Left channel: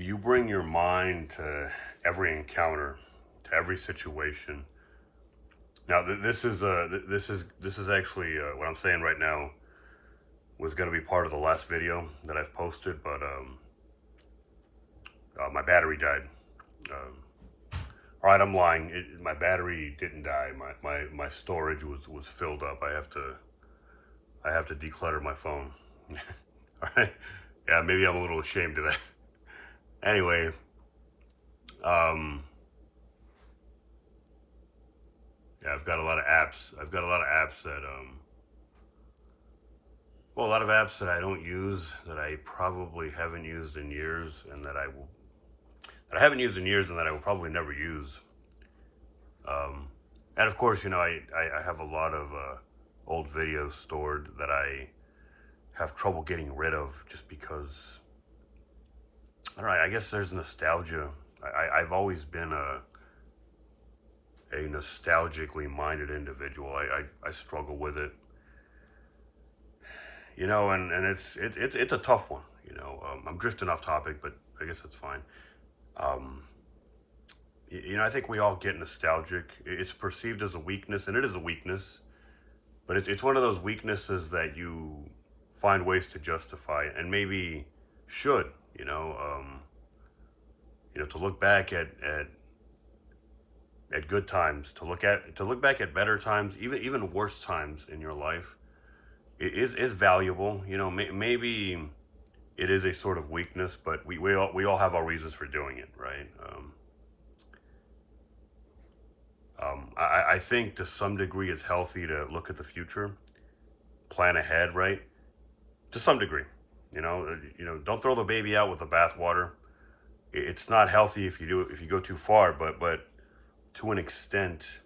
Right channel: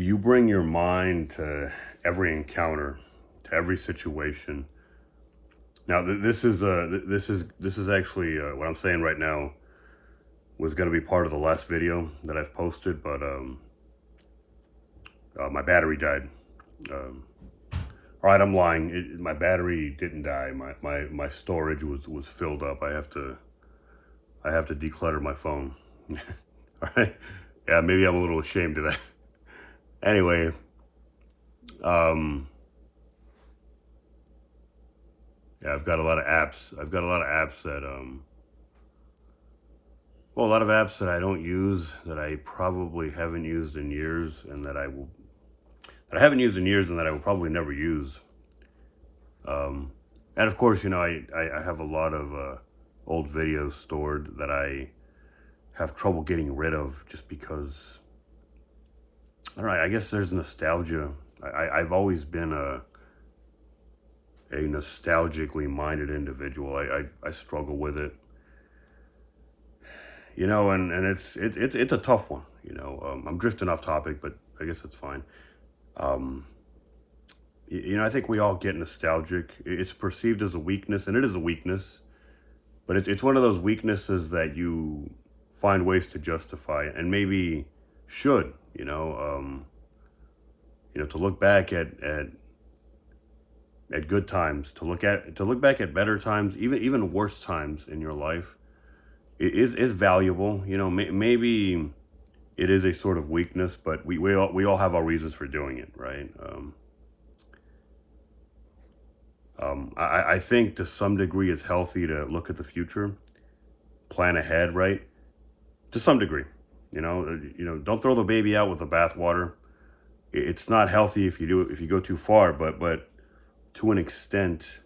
You bring your mind to every encounter, to every situation. Now, this is actually what I'm saying right now was going to be part of the last video that I've posted, but my battery died. Um, all right, I'm lying. My battery didn't die. My storage was filled up. I have to declutter my phone. All right. Yeah, maybe I'm a little ashamed of that. Anyway, um, yeah, I've got a lot of apps. I've got a lot of apps that well, a lot of apps that I don't use, that I probably haven't used in years, and that I haven't used in years, and that I will probably never use. Um, and of course, I have a lot of old videos stored that I have trouble getting rid of just because. I don't know, I guess there's nostalgia. I've always been a nostalgically minded individual. I struggle with it, and it's a tough one. I'm drifting off topic, but I guess it's fine. Um, I think we all get nostalgic. It's perceived as a weakness, and it is a weakness, but it's one of those weaknesses that you find ways to justify, and maybe should, to look back at good times, to look back at better times, even worse times in your life, is valuable. Maybe it is a sort of weakness, but we all have our reasons for doing it, right? I think to some degree it's healthy to look at the future, plan ahead, right? To some degree, don't throw the baby out with the bathwater. It's not healthy if you go too far, but to an extent,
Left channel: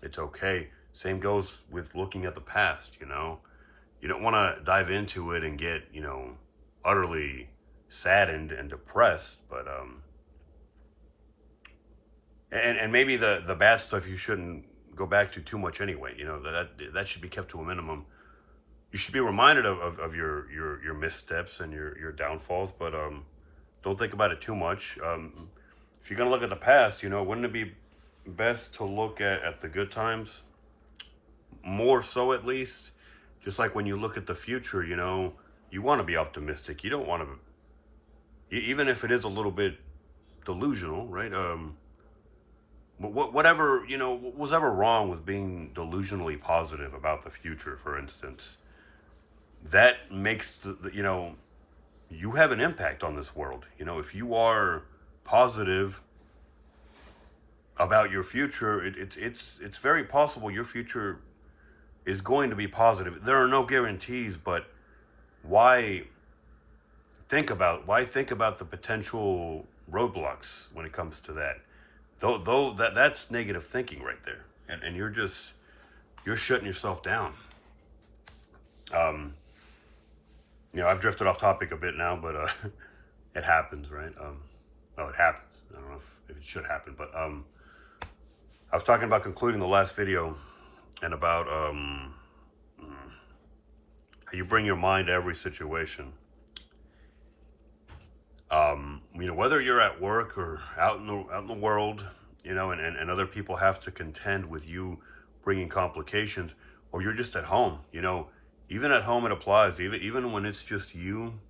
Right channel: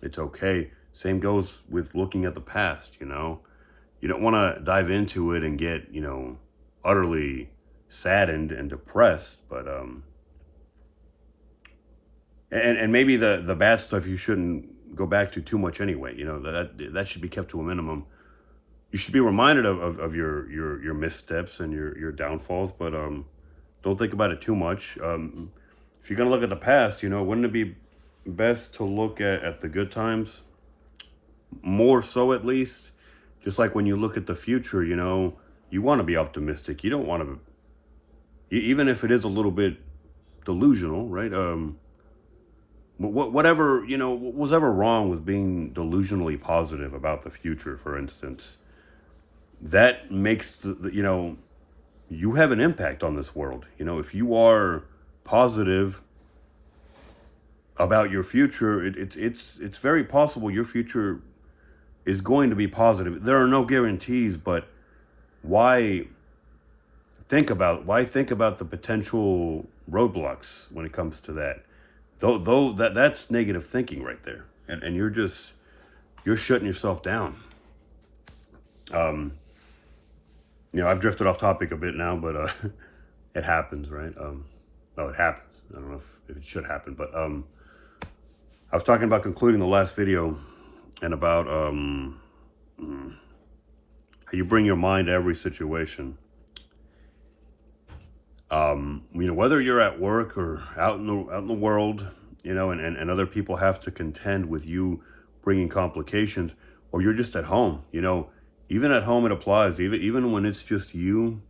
it's okay. Same goes with looking at the past. You don't want to dive into it and get utterly saddened and depressed, but and maybe the bad stuff you shouldn't go back to too much anyway. That should be kept to a minimum. You should be reminded of your missteps and your downfalls, but don't think about it too much. If you're gonna look at the past, wouldn't it be best to look at the good times more so, at least? Just like when you look at the future, you want to be optimistic. You don't want to, even if it is a little bit delusional, right? Whatever, what was ever wrong with being delusionally positive about the future, for instance, that makes you have an impact on this world. If you are positive about your future, it's very possible your future is going to be positive. There are no guarantees, but why why think about the potential roadblocks when it comes to that? Though that's negative thinking right there, and you're shutting yourself down. Um, I've drifted off topic a bit now, but it happens, right? Oh, it happens. I don't know if it should happen, but I was talking about concluding the last video and about how you bring your mind to every situation. Whether you're at work or out in the world, and other people have to contend with you bringing complications, or you're just at home. Even at home it applies. Even when it's just you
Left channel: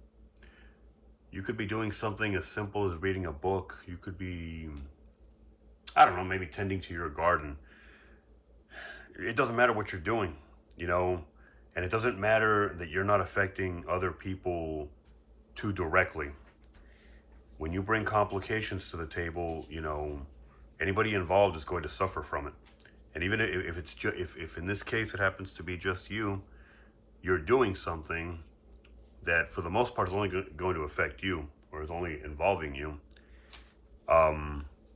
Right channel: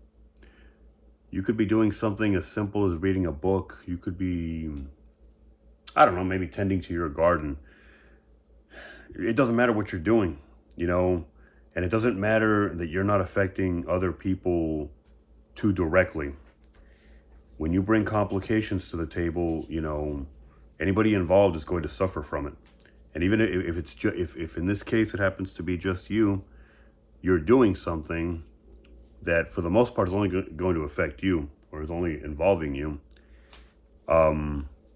could be doing something as simple as reading a book. You could be, I don't know, maybe tending to your garden. It doesn't matter what you're doing, and it doesn't matter that you're not affecting other people too directly. When you bring complications to the table, anybody involved is going to suffer from it. And even if it's if in this case it happens to be just you're doing something that for the most part is only going to affect you, or is only involving you.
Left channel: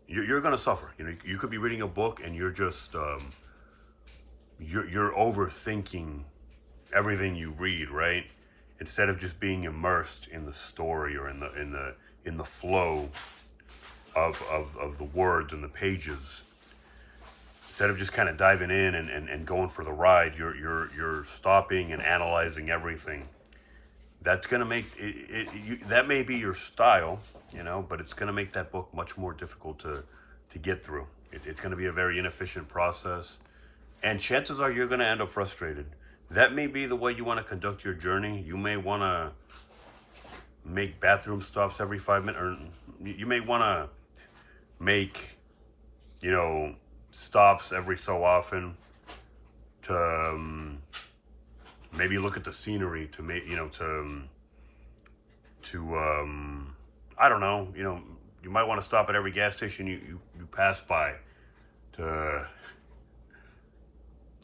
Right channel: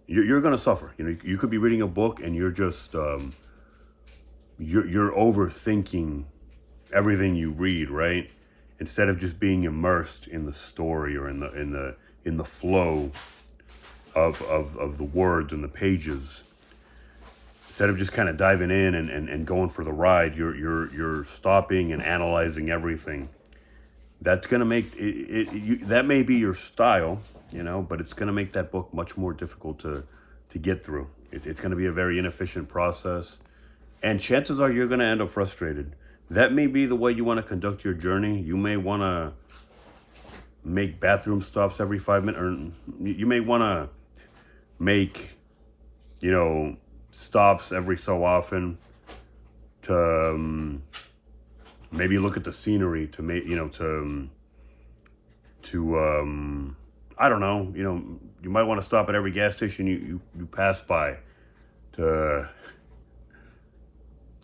You're going to suffer. You could be reading a book and you're just you're overthinking everything you read, right? Instead of just being immersed in the story, or in the flow of the words and the pages. Instead of just kind of diving in and going for the ride, you're stopping and analyzing everything. that's going to make that may be your style, but it's going to make that book much more difficult to get through. It's going to be a very inefficient process, and chances are you're going to end up frustrated. That may be the way you want to conduct your journey. You may want to make bathroom stops every 5 minutes, or you may want to make, stops every so often to maybe look at the scenery, to make, I don't know, you might want to stop at every gas station you pass by to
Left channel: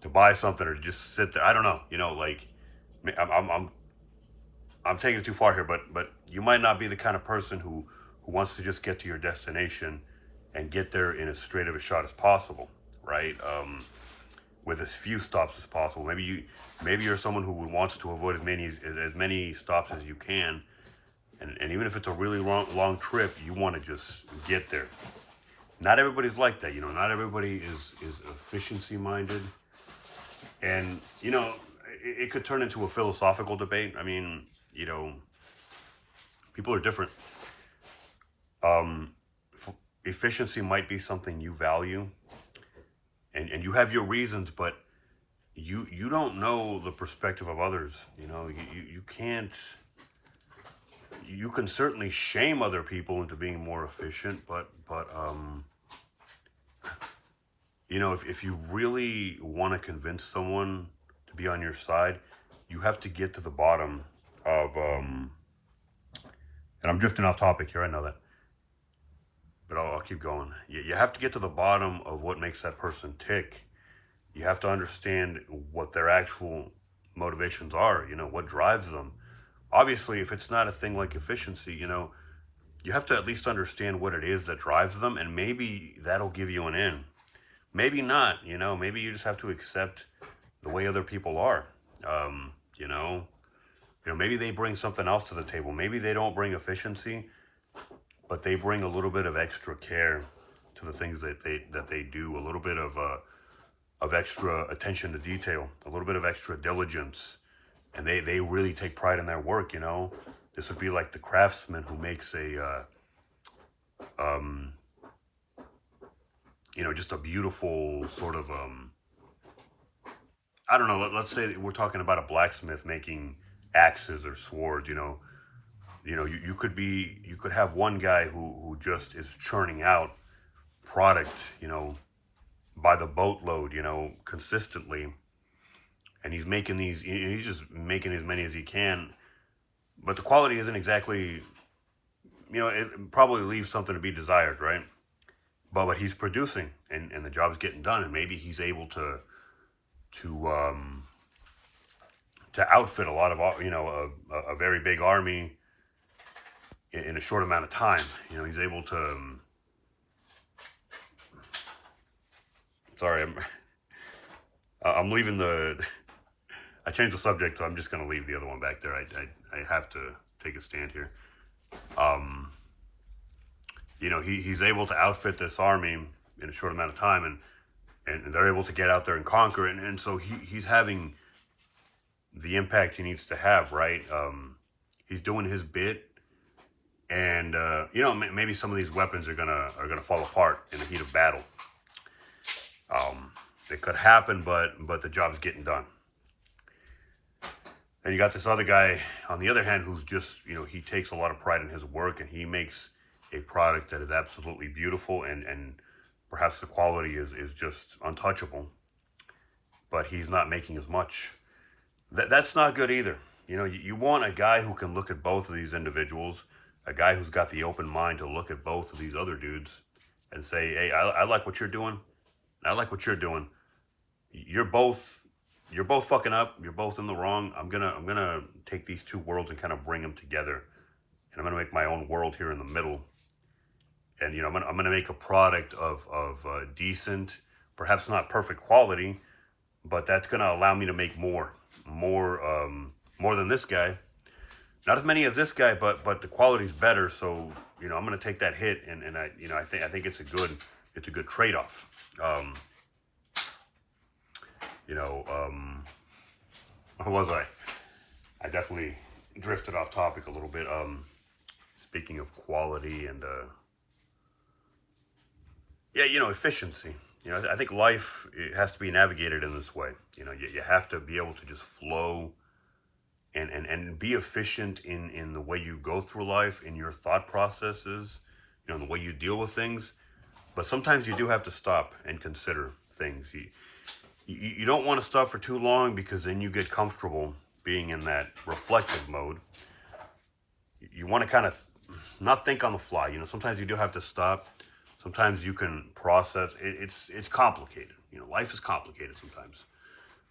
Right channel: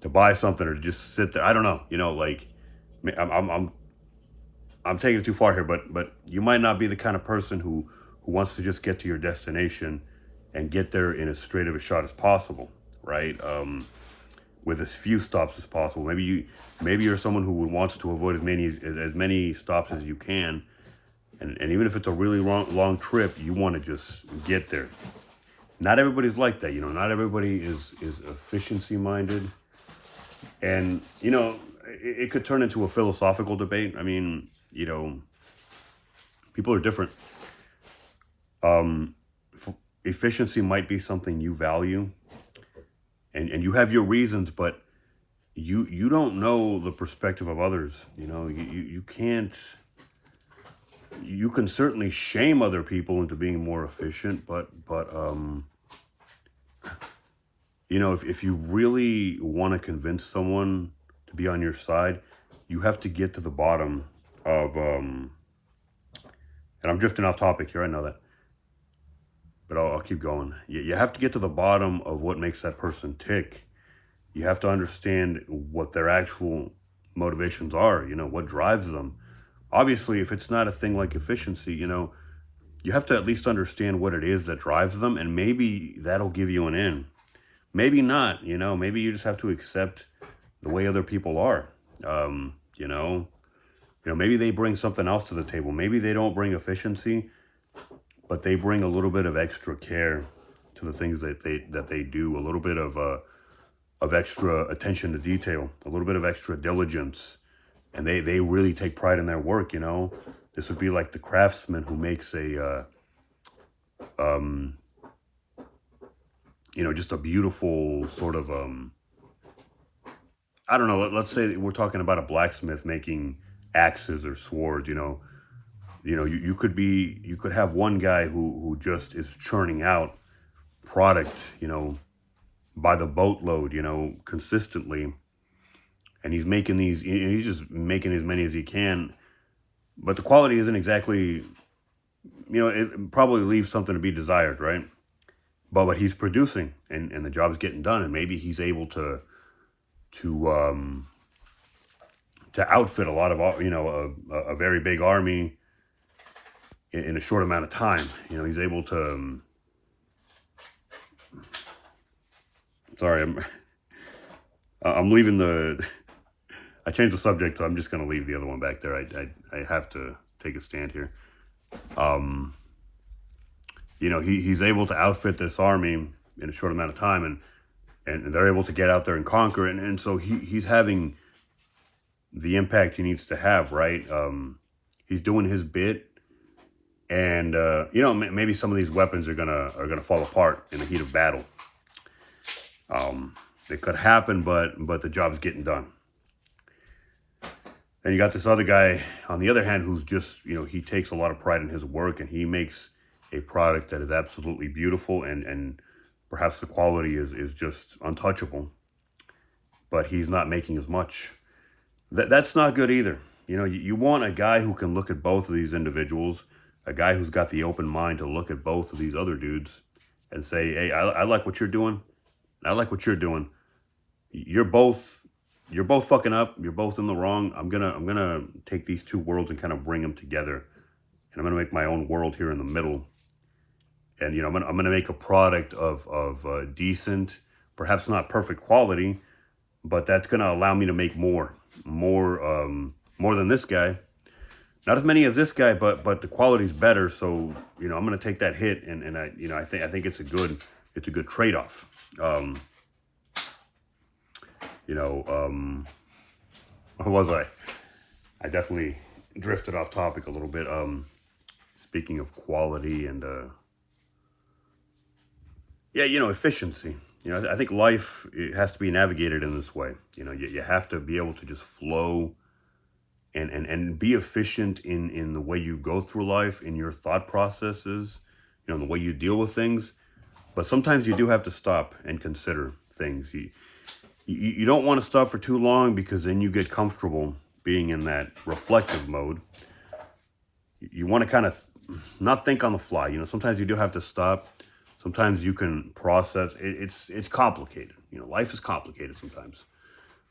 buy something, or to just sit there. I don't know, like, I'm taking it too far here, but you might not be the kind of person who wants to just get to your destination and get there in as straight of a shot as possible, right? With as few stops as possible. Maybe you're someone who wants to avoid as many stops as you can, and even if it's a really long trip, you want to just get there. Not everybody's like that, Not everybody is efficiency minded, and it could turn into a philosophical debate. I mean, people are different. Efficiency might be something you value, and you have your reasons, but you don't know the perspective of others. You can't. You can certainly shame other people into being more efficient, but if you really want to convince someone to be on your side, you have to get to the bottom of and I'm drifting off topic here, I know that, but I'll keep going. You have to get to the bottom of what makes that person tick. You have to understand what their actual motivations are, what drives them. Obviously, if it's not a thing like efficiency, you have to at least understand what it is that drives them, and maybe that'll give you an in. Maybe not, maybe you just have to accept the way other people are. Maybe they bring something else to the table. Maybe they don't bring efficiency, but they bring a little bit of extra care to the things that they do, a little bit of extra attention to detail, a little bit of extra diligence, and they really take pride in their work. This would be like the craftsman who makes a just a beautiful sort of I don't know, let's say we're talking about a blacksmith making axes or swords. You could have one guy who just is churning out product, by the boatload, consistently, and he's just making as many as he can, but the quality isn't exactly, it probably leaves something to be desired, right? But what he's producing, and the job's getting done, and maybe he's able to outfit a lot of, a very big army in a short amount of time. He's able to, sorry, I'm leaving I changed the subject, so I'm just going to leave the other one back there. I have to take a stand here. He's able to outfit this army in a short amount of time, and they're able to get out there and conquer it. And so he's having the impact he needs to have, right? He's doing his bit, and maybe some of these weapons are gonna fall apart in the heat of battle. It could happen, but the job's getting done. And you got this other guy, on the other hand, who's just, he takes a lot of pride in his work, and he makes a product that is absolutely beautiful, and perhaps the quality is just untouchable, but he's not making as much. That's not good either. You want a guy who can look at both of these individuals, a guy who's got the open mind to look at both of these other dudes and say, hey, I like what you're doing. I like what you're doing. You're both fucking up. You're both in the wrong. I'm gonna take these two worlds and kind of bring them together, and I'm gonna make my own world here in the middle. And I'm gonna make a product of decent, perhaps not perfect quality, but that's gonna allow me to make more than this guy. Not as many as this guy, but the quality's better. So I'm gonna take that hit, and I think it's a good trade-off. What was I? I definitely drifted off topic a little bit. Speaking of quality and yeah, efficiency. I think life, it has to be navigated in this way. You have to be able to just flow and be efficient in the way you go through life, in your thought processes, the way you deal with things. But sometimes you do have to stop and consider things. You don't want to stop for too long, because then you get comfortable being in that reflective mode. You want to kind of not think on the fly. Sometimes you do have to stop. Sometimes you can process. It's complicated. Life is complicated sometimes.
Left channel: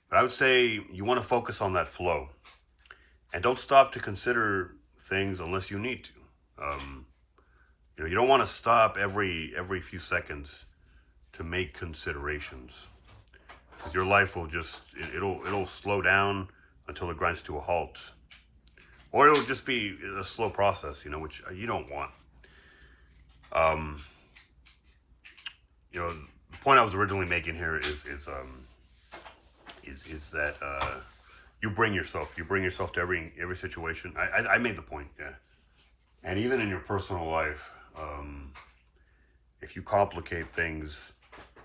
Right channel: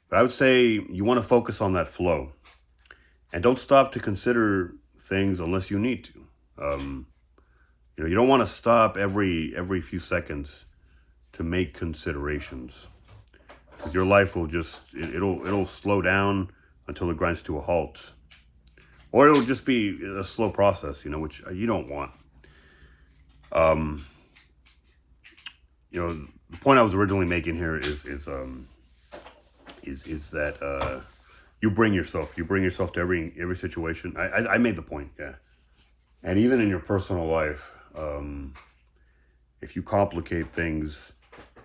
But I would say you want to focus on that flow, and don't stop to consider things unless you need to. You don't want to stop every few seconds to make considerations, because your life will just it'll slow down until it grinds to a halt, or it'll just be a slow process, which you don't want. The point I was originally making here is that you bring yourself to every situation. I made the point, yeah. And even in your personal life, if you complicate things,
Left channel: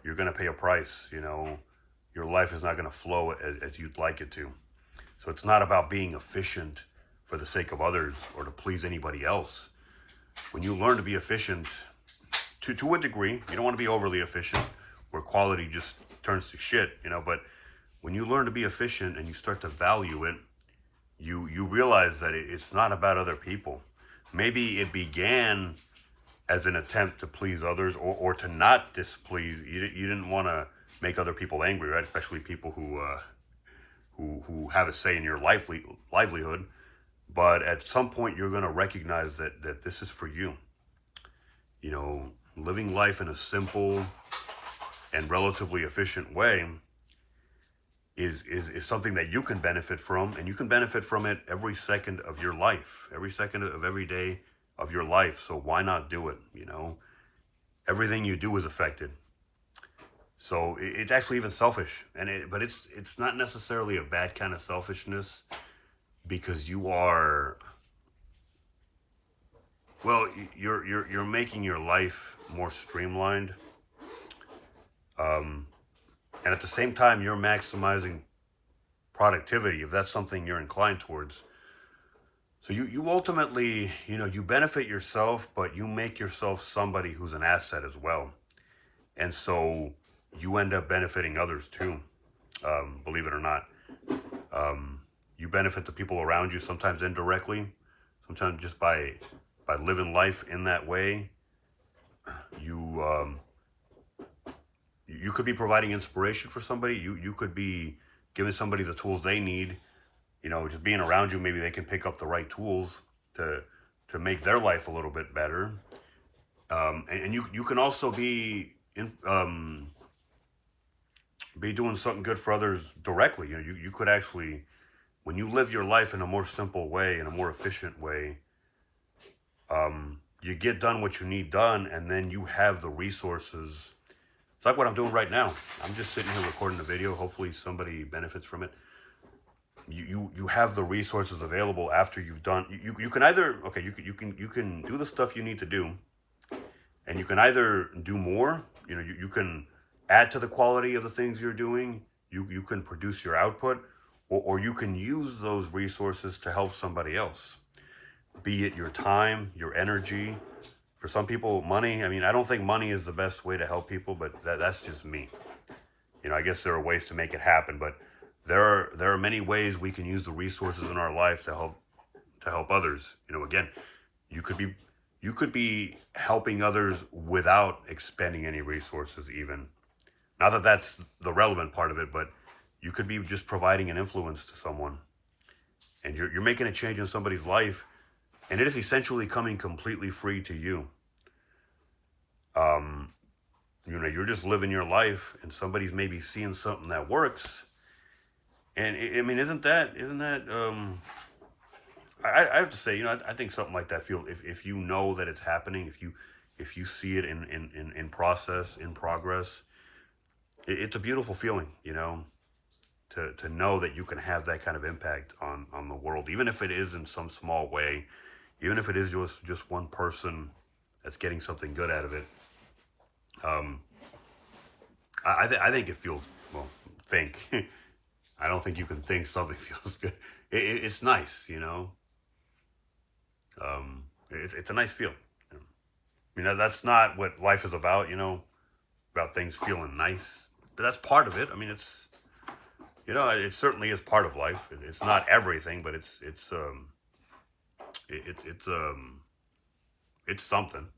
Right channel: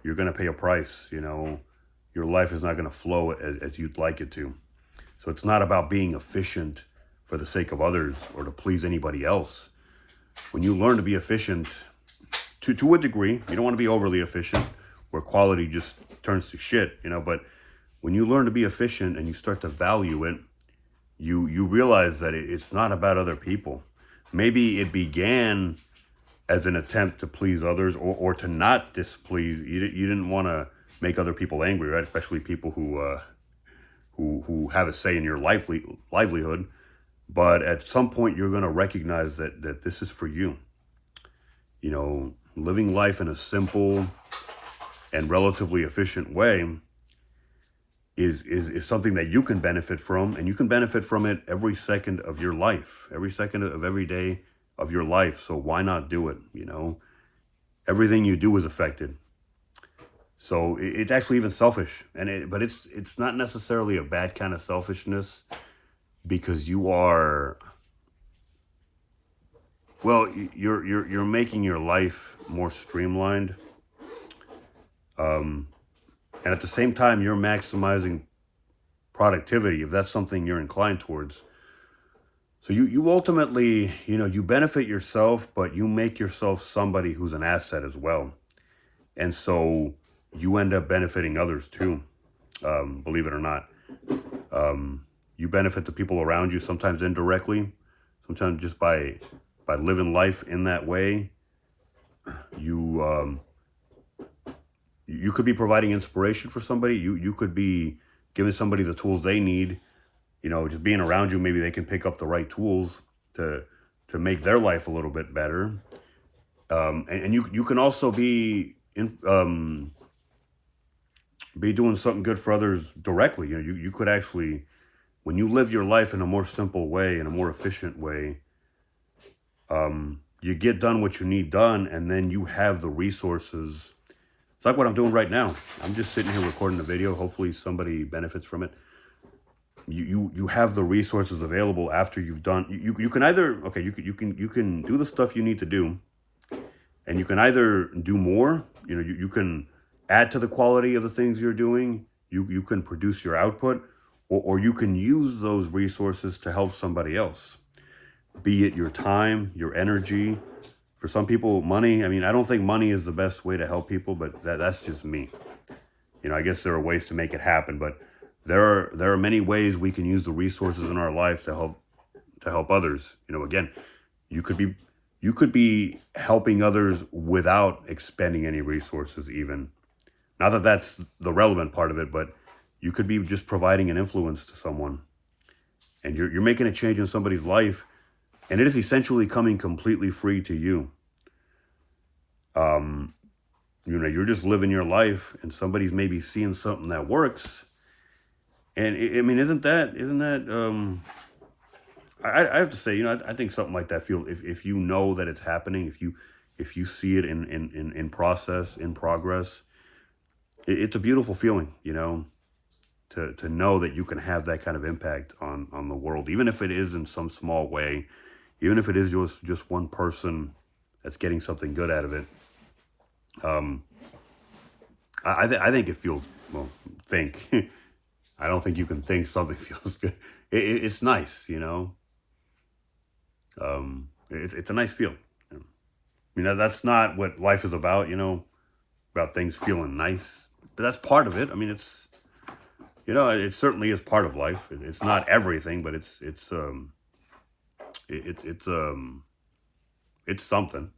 you're going to pay a price. Your life is not going to flow as you'd like it to. So it's not about being efficient for the sake of others or to please anybody else. When you learn to be efficient, to a degree, you don't want to be overly efficient where quality just turns to shit, but when you learn to be efficient and you start to value it, you realize that it's not about other people. Maybe it began as an attempt to please others, or to not displease. You didn't want to make other people angry, right? Especially people who have a say in your livelihood. But at some point, you're going to recognize that this is for you. Living life in a simple and relatively efficient way is something that you can benefit from, and you can benefit from it every second of your life, every second of every day of your life. So why not do it? Everything you do is affected. So it's actually even selfish, but it's not necessarily a bad kind of selfishness, because you're making your life more streamlined, and at the same time you're maximizing productivity, if that's something you're inclined towards. So you ultimately, you benefit yourself, but you make yourself somebody who's an asset as well. And so you end up benefiting others too, believe it or not. You benefit the people around you, sometimes indirectly, sometimes just by living life in that way. You could be providing inspiration for somebody. You could be giving somebody the tools they need. Just being around you, maybe they can pick up the right tools to make their life a little bit better. And you can also be doing something good for others directly. You could actually, when you live your life in a more simple way, in a more efficient way, you get done what you need done, and then you have the resources. It's like what I'm doing right now. I'm just sitting here recording the video. Hopefully somebody benefits from it. You have the resources available after you've done. You can either, okay, you can do the stuff you need to do, and you can either do more. You can add to the quality of the things you're doing. You can produce your output, or you can use those resources to help somebody else. Be it your time, your energy. For some people, money. I don't think money is the best way to help people, but that's just me. I guess there are ways to make it happen, but there are many ways we can use the resources in our life to help others. Again, you could be helping others without expending any resources even. Not that that's the relevant part of it, but you could be just providing an influence to someone, and you're making a change in somebody's life, and it is essentially coming completely free to you. You're just living your life, and somebody's maybe seeing something that works. And isn't that I have to say, I think something like that if you know that it's happening, if you see it in progress, it's a beautiful feeling, to to know that you can have that kind of impact on the world, even if it is in some small way, even if it is just one person that's getting something good out of it. Um, I think it feels, well, think. I don't think you can think something feels good. It's nice, you know. It's a nice feeling. You know, that's not what life is about, you know, about things feeling nice. But that's part of it. I mean, it's, you know, it certainly is part of life. It's not everything, but it's something.